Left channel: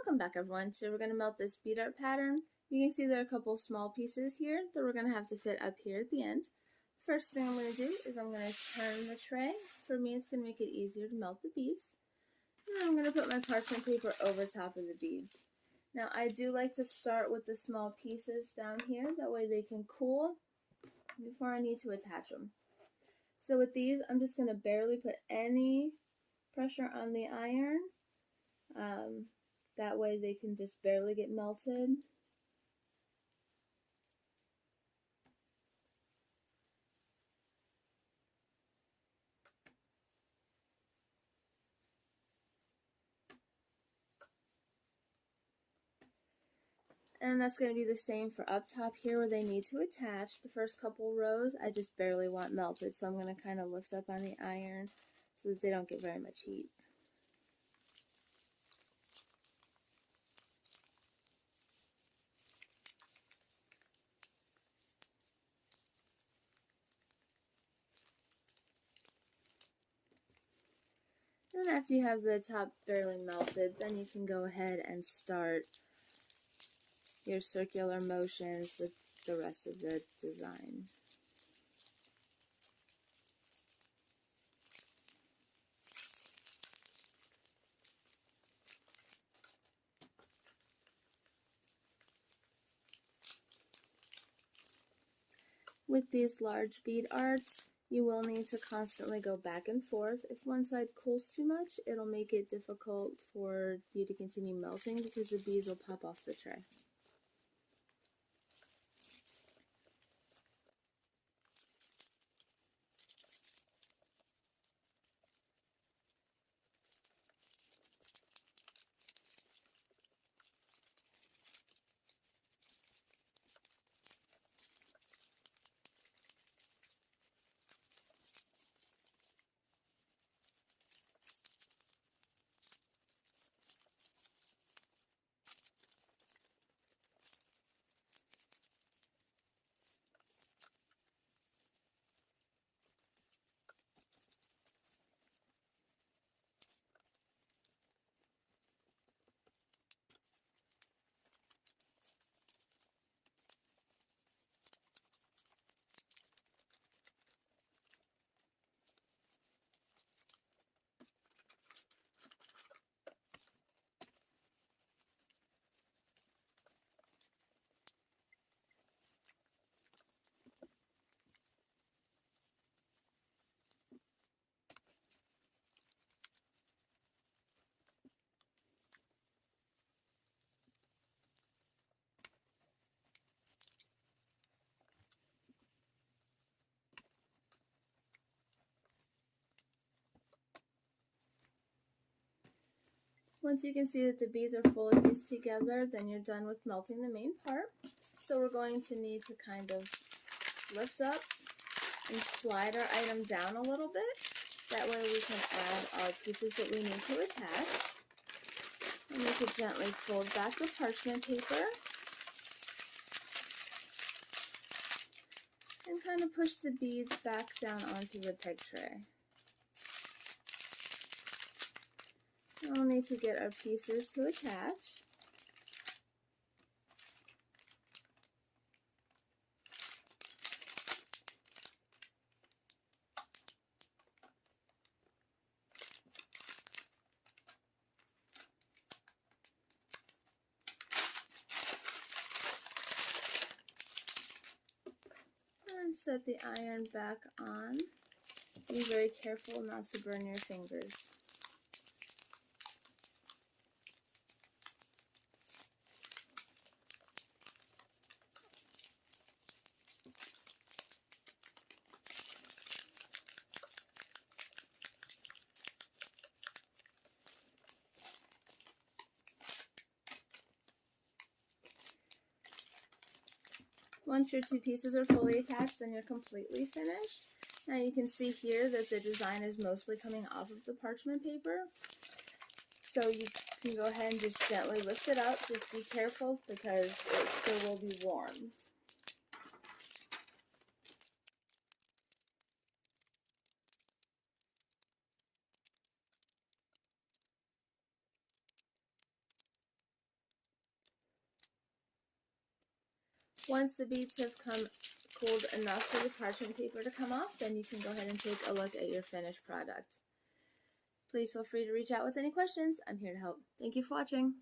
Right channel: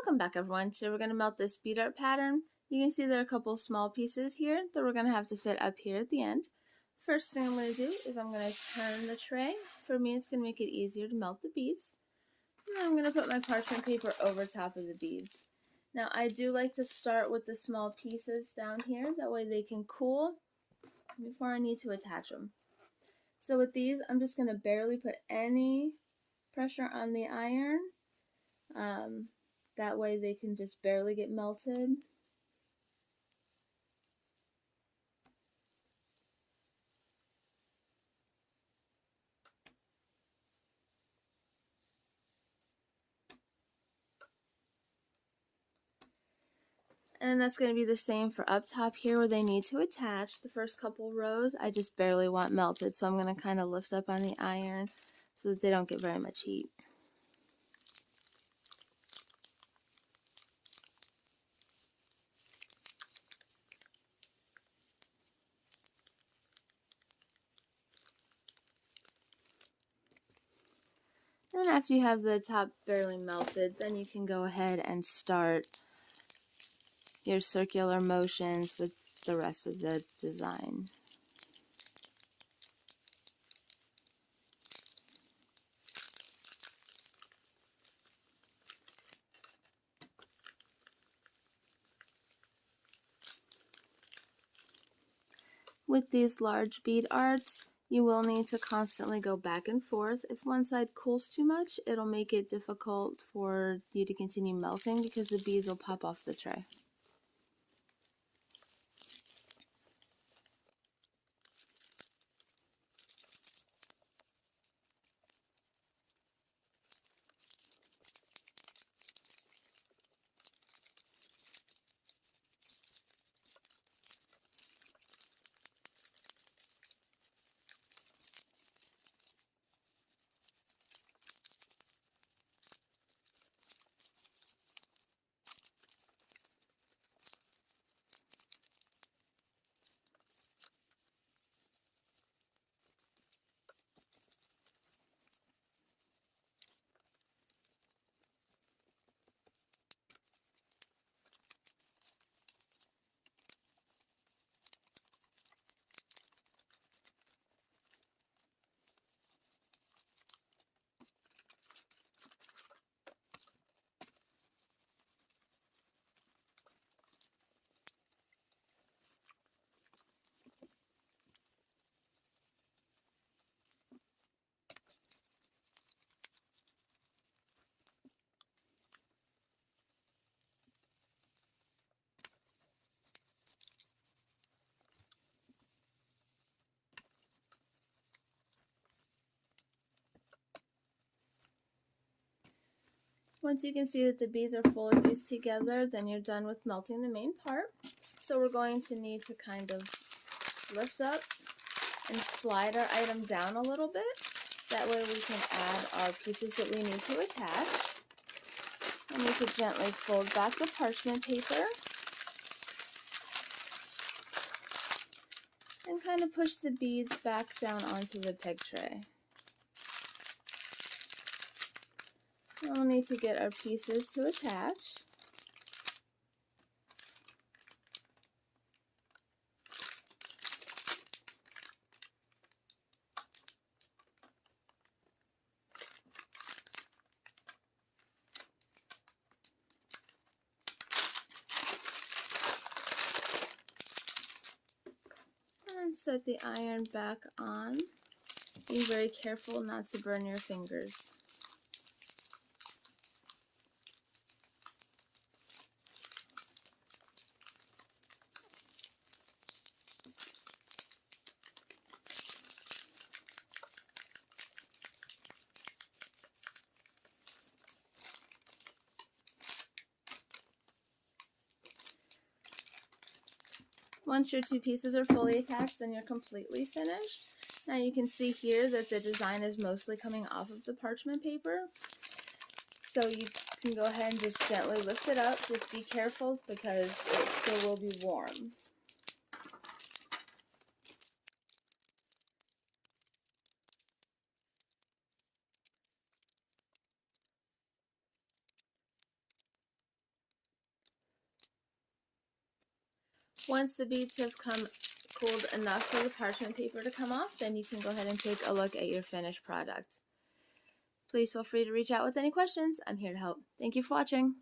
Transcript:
Welcome back, everyone. Today we're going to melt this bead art pattern. You can see there are a couple small pieces here that we're going to have to fit up here at the end. First thing I'm going to do is I'm going to turn the tray. For me, it's going to make it easier to melt the beads. And then I'm going to put my parchment paper over top of the beads. Now, I do like to start with the small pieces down here. That way they can cool before I need to attach them. So with these, I'm just going to barely put any pressure on the iron. That way they can just barely get melted. And that's going to be the same for up top here where they need to attach. The first couple rows I just barely want melted, so I'm going to kind of lift up on the iron so that they don't get very much heat. And after you have the top barely melted, then you can go ahead and start your circular motions with the rest of the design. With these large bead arts, you will need to constantly go back and forth. If one side cools too much, it'll make it difficult for you to continue melting because the beads will pop off the tray. Once you can see that the beads are fully fused together, then you're done with melting the main part. So we're going to need to kind of lift up and slide our item down a little bit. That way we can add our pieces that we need to attach. And we can gently fold back the parchment paper and kind of push the beads back down onto the peg tray. We'll need to get our pieces to attach. And set the iron back on. Be very careful not to burn your fingers. Once your two pieces are fully attached, then you're completely finished. Now you can see here that the design is mostly coming off of the parchment paper. So you can go ahead and just gently lift it up. Just be careful because it still will be warm. Once the beads have cooled enough for the parchment paper to come off, then you can go ahead and take a look at your finished product. Please feel free to reach out with any questions. I'm here to help. Thank you for watching.